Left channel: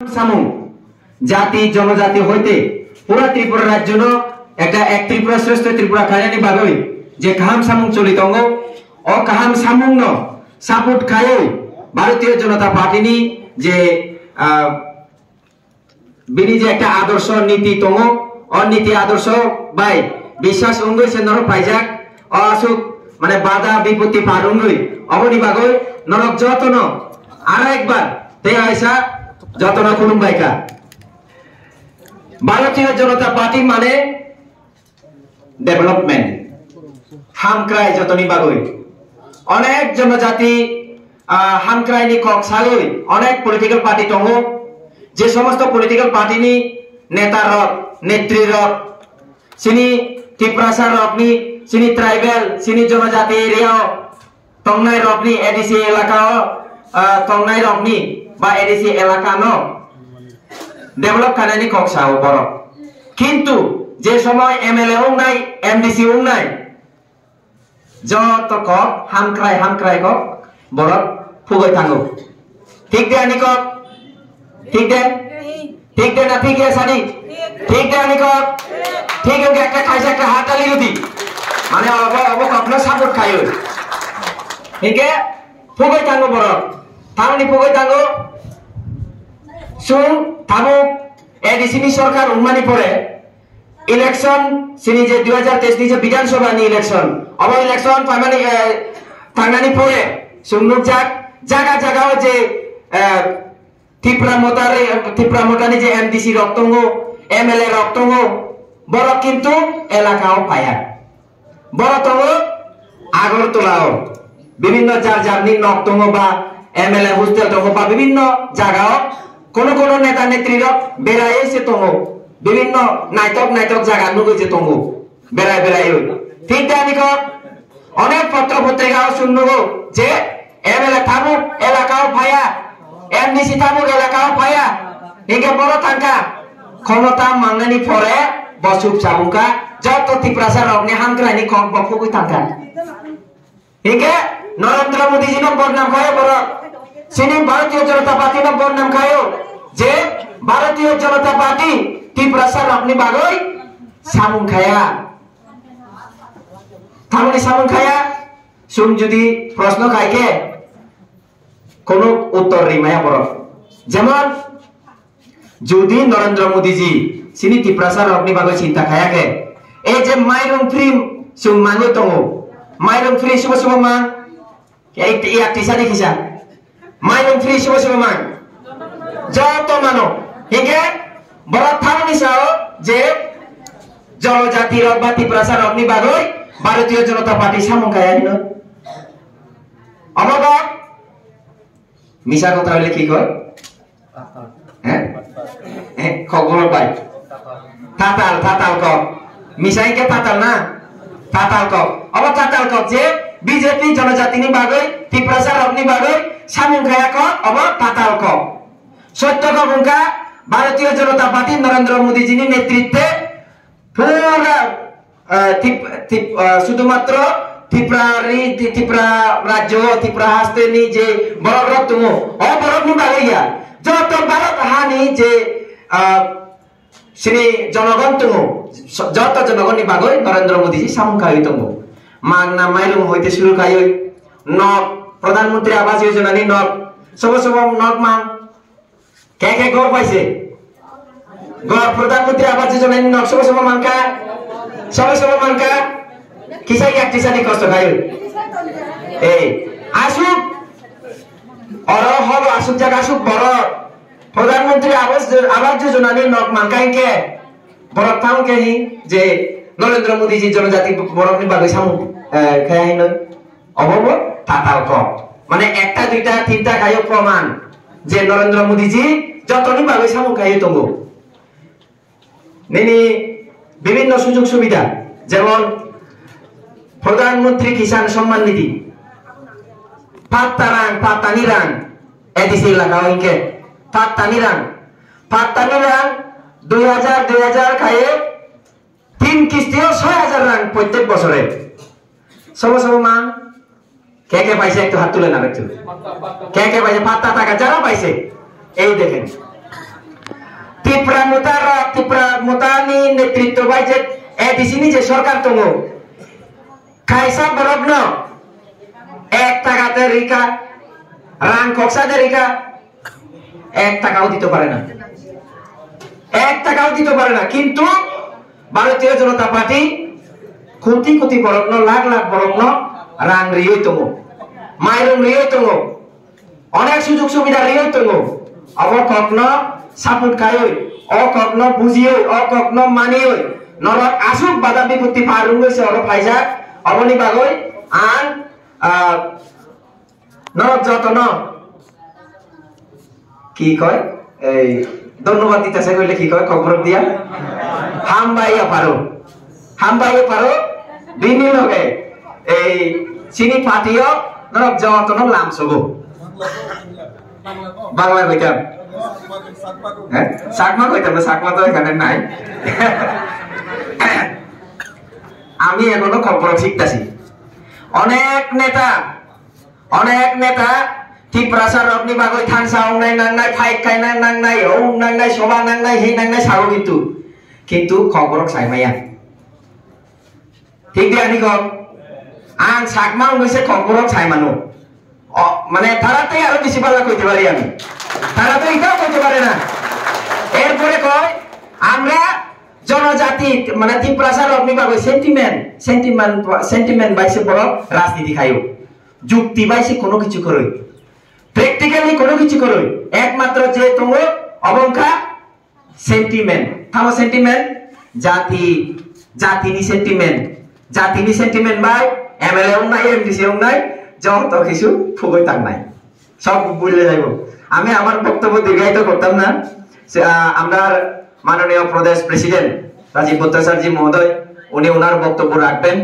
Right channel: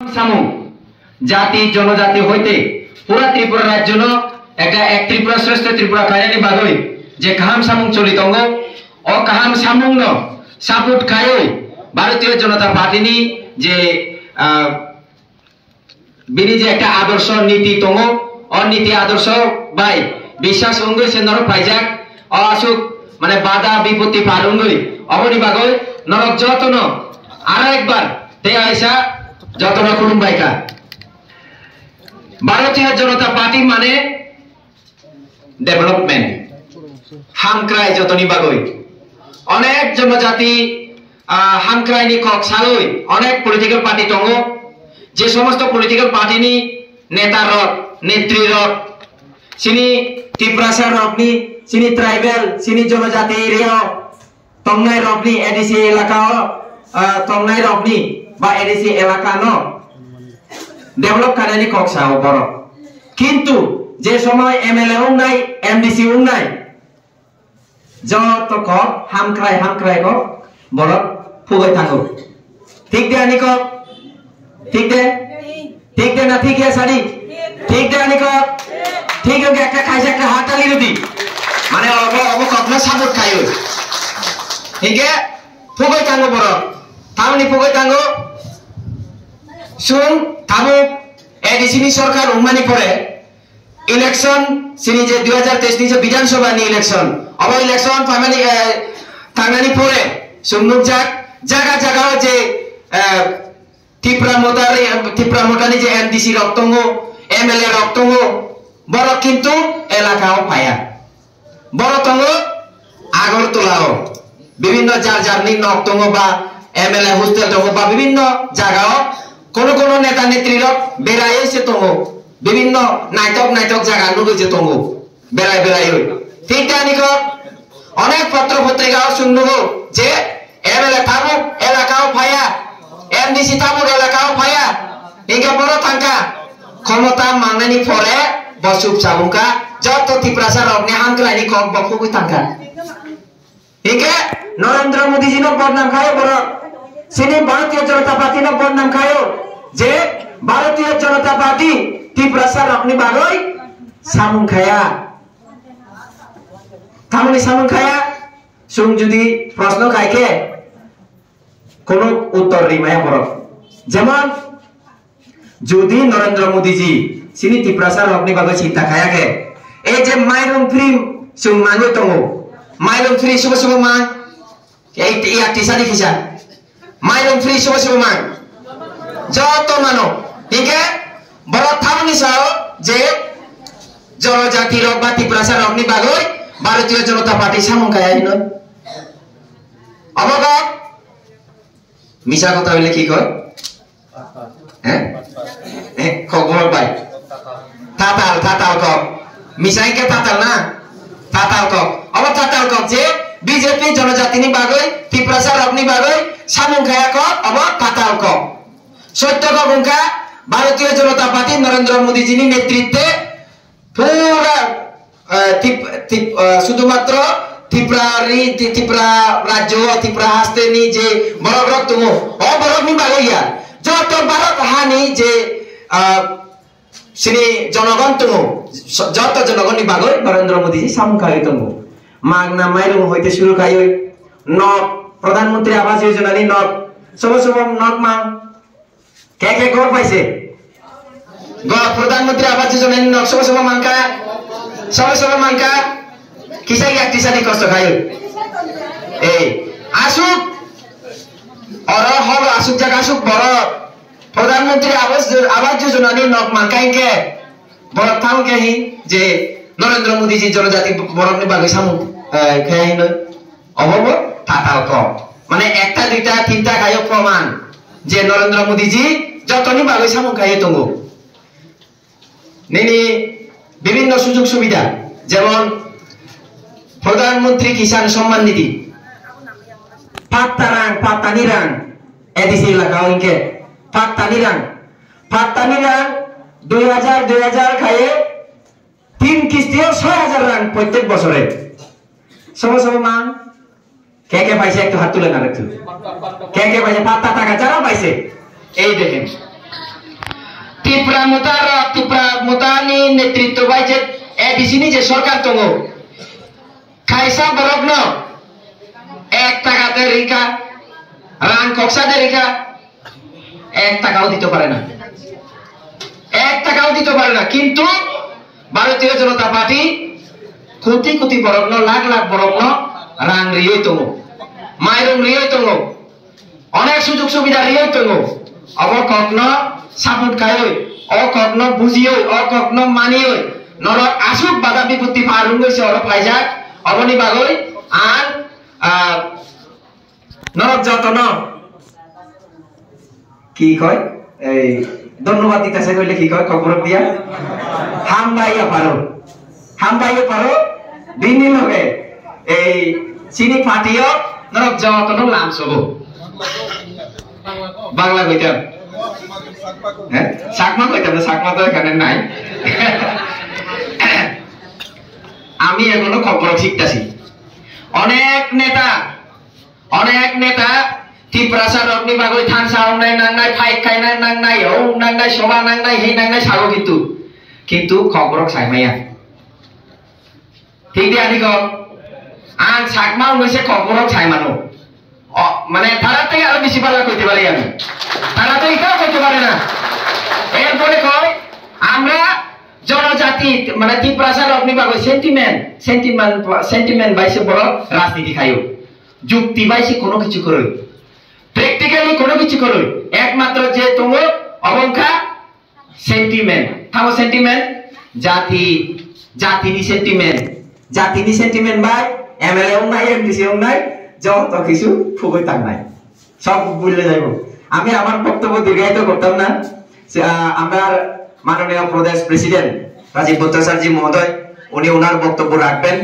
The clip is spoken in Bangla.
সামু জাতি জনজাতি হইতে পুরা ত্রিপুরা রাজ্য একটা এক ত্রিপুরা শ্রেষ্ঠ ত্রিপুরা খায়ানি বাগৈ যে কাহাম সামুং চলিতঙ্গ ও কাহাম সামুং সাপোর্ট খায়ই ভারতীয় জনতা পার্টিনি যে বিনি যে একটা আদর্শ নীতি তঙ্গ ও নীতি আদর্শ বাই বিশ্বাস অঙ্গই সে নর পাইজাক ও আসুক মানে বাধা বিপত্তি পার অঙ্গই অবনি বাগৈ নরক যতন আর একবার তে আইসা যতন খুলুমবাইকা ভারতীয় জনতা পার্টি মানে ডেভেলপমেন্ট হামক্রাই যতনি বাগৈ অনেক জনজাতি হামক্রাইনি কক সালই অনেক পলিটিক্যাল পার্টি দङ যে সমস্ত পলিটিক্যাল পার্টিনি নেতা রক নেত্রী রক সিনি ত্রিপুরাসার রকনি সিনি ট্রাইবেল সিনি জনজাতি এরিয়া তংনাই রকনি এডিসি এলাকা তংনাই রকনি বা এডিসি এলাকা ন ডেভেলপ কানানি কক সাও বড় কিন্তু যে সময় এমএলএ ও নাই এমডিসি ও নাই যত কক হামক্রাই কক বড় ফুগৈ থাঙ্গো ঠিক দে আনি কক ঠিক দে না ঠিক है साड़ी ঠিক দে আনি কক ঠিক है একটা খাইছে একটা হাততালি দিতি মানে অব কখনো সাপোর্ট খাইও ঠিক है ফুগৈ থাঙ্গো বড় তামনি ফুগৈ থাঙ্গো শুন থামু এডিসিনি সরকার উন্মানি পড়ে ইলেকশন সিনি যে 2023 নি যে বিধানসভা নি ইলেকশন অব ইলেকশন থামানি পড়ে সুমনুক জায়গা জায়গাও যে ত্রিপুরা মোটানি যে এমডিসি রক্তঙ্গ এমএলএ রক্তঙ্গ বড় কিন্তু এলাকাও পায়া বড় তঙ্গ আগরতলাও বিভিন্ন জারনি নক্তঙ্গ বা এমএলএ হোস্টেল তঙ্গ বা বিভিন্ন জায়গাও কোন কোন নেতা নেত্রীর বেড়াই এসে তঙ্গ বিভিন্ন নাইটক জায়গা নুগেছে তঙ্গ বেড়াই ঠিক জানি অনেক পত্র পত্রিকাও শুনবো যে এমএলএ থামুক এলাকাও পায়া এমডিসি থামুক এলাকাও পায়া ইনকে বড় থাকা ক্ষমতা মাংনানি পরে বসুপ চাবুকা যত ত্রিপুরাসার অগ্নি হামক্রাইনি কক বকুই থাকা ইনকে নরেন্দ্র মোদী জি বদনাম খায় বড় সিনি ভারতীয় জনতা পার্টি বদনাম খায় যে ভারতীয় জনতা পার্টি ত্রিপুরাসার অগ্নি বাগৈ সামুং খায়া থামনি সামুং খায়া সুম যদি প্রশ্ন খাইকে কোন উত্তর রিমায়া বড় যেমন যদি নরেন্দ্র মোদী জি সিনি ত্রিপুরাসার অগ্নি বাগৈ চিন্তা খায়াকে এই যে মাইরং ফ্রি সুম মাঙ্গৈ দङ মাইরং ফ্রি শুভ মা এই টিসা দেখিছা মাইরং ফ্রি শুভ মা যত মানো ঠিক আছে বড় থামনি চাও যে জনজাতির বা ত্রিপুরাসার অগ্নি বাগৈ ভারতীয় জনতা পার্টি সামুং খায়া হিন অবগত মিছা কথা হইলে কি কয় হ্যাঁ খবর পাই তাতাল কক মিছাইকে তাতাল না তাতাল কক অব তাতাল কক যে বিজেপি জনজাতিনি বাগৈ ত্রিপুরাসার অগ্নি বাগৈ সামুং খায়া কক অব তাতাল কক সত্য কক উনকা ভারতীয় জনতা পার্টি নরেন্দ্র মোদী জিনি নেতৃত্বে পুরা শুধুমাত্র ত্রিপুরা রাজ্য ত্রিপুরা হাস্তেনি যে বড় তুম ও বড় বাগৈয়া যত ভারত হানি যে শ্রী জনগণ তুম যত জনগণ বাগৈ নরেন্দ্র মোদী জি সামুং খাই তুম মাগনা মাইরুম হইতে শুরু খাই নক প্রধানমন্ত্রী আবাস যোজনা নি নক সব নক মাং কে ঘর পাইছে প্রধানমন্ত্রী আবাস যোজনা নি নক সব মাংকা সব মাংকা কিসাই এক টিসানি কষ্ট খাই এই আসুক অর হল আসুক জায়গা আসুক বড় প্রধানমন্ত্রী আবাস যোজনা নি নক মানকাইকে বড় থামকে হি যে নরেন্দ্র মোদী জি জনজাতি বড়নি বাগৈ সামুং খাই নয় অবব তাতাল কম মানে একটা দুইটা তিনটা খাইও প্রমাণ যে নরেন্দ্র মোদী জি যতনি বাগৈ সামুং খাই দङ নেনি বিভিন্ন সুযোগ সুবিধা যেমন প্রধানমন্ত্রী কিষাণ সম্মান নিধি পাত্তানি রাং এডিসি এলাকা ইনকে পাত্তানি রাং 2000 খায়ে 3 কিস্তিও 6000 রাং প্রত্যেক বছরে সব মান কে পাইছে একটু হাত তুলে না একটু কে পাইছে পাত্তা টাকা যারা পাইছে এই দেখেন ত্রিপুরা মুতানি নেতৃত্ব বাইছে এডিসি নি যে সরকার তঙ্গ খাইসা বরগ্ন 1 টাকাতে রিকা রান কক্সাতে রিকা 1 টাকাও দিতে পারে না, 1 টাকাও দিতে পারে না। কিন্তু ভারতীয় জনতা পার্টি কোটি কোটি বরগ্ন লাখ লাখ বরগ্ন রাং রিয়ে তঙ্গ মাইরং রিয়ে তঙ্গ অনেক সুযোগ সুবিধা রিয়ে তঙ্গ অবকগ্ন সাপোর্ট খাই অকগ্ন বুঝিই অকগ্ন মানিই নরক আসুক বাধা বিপত্তি ফারুং গেছে অর ফাইজাক অবনি বাগৈ আর নরক যতন কি কয় এই ধন্যবাদ দিতেছে কইলে কি কয় খবর দিয়া হামবাইয়া পারো দিনই লগে এই চিনি ফাটিও নরক যতন লামছব বাংলা কইতাম হ্যাঁ সাকমা কইতাম না, সাকমা তো এখানে নাই। আমি এখনো খবর শিখতেছি। অনেক নেতা ত্রিপ্রাসার অগ্নি বাগৈ থানসা নাই নাংনাই ফাইট খাই নাংনাই ও নাংনাই সভা নাংনাই হে নাংনাই সাগো কিন্তু খবর সাইমাইয়া ঠিক দিয়া নি কম আন সাকমা হইছে খবর সাইমানো মানে তারা থেকে আরো বেশি পাল্লা কইতে পারি আমি, তারা তো এটাও কইতে পারে না। এরপরে কয় আমরা জনজাতি মানে ত্রিপ্রাসার অগ্নি বাগৈ সেন্টিমেন্ট বাইছে বড় রাজনীতি খাইও যুক্তি বাইছে কোনো কিছু করে প্র্যাকটিক্যালি কোনো কিছু করে একমাত্র যে তোমার অবংখা সেন্টিমেন্ট থামো সেন্টিমেন্ট জাতিনি সেন্টিমেন্ট ভাই এমএলএ নাই এমডিসি নাই যত কিছু ফুগই তাক নাই সব বুঝলে যাইব। আমি আমার বক্তব্য দীর্ঘায়িত করতাম না। আমরা মাননীয় প্রদেশ প্রেসিডেন্ট রাজীব ভট্টাচার্য মহোদয় উনি ওনার বক্তব্য রাখবেন।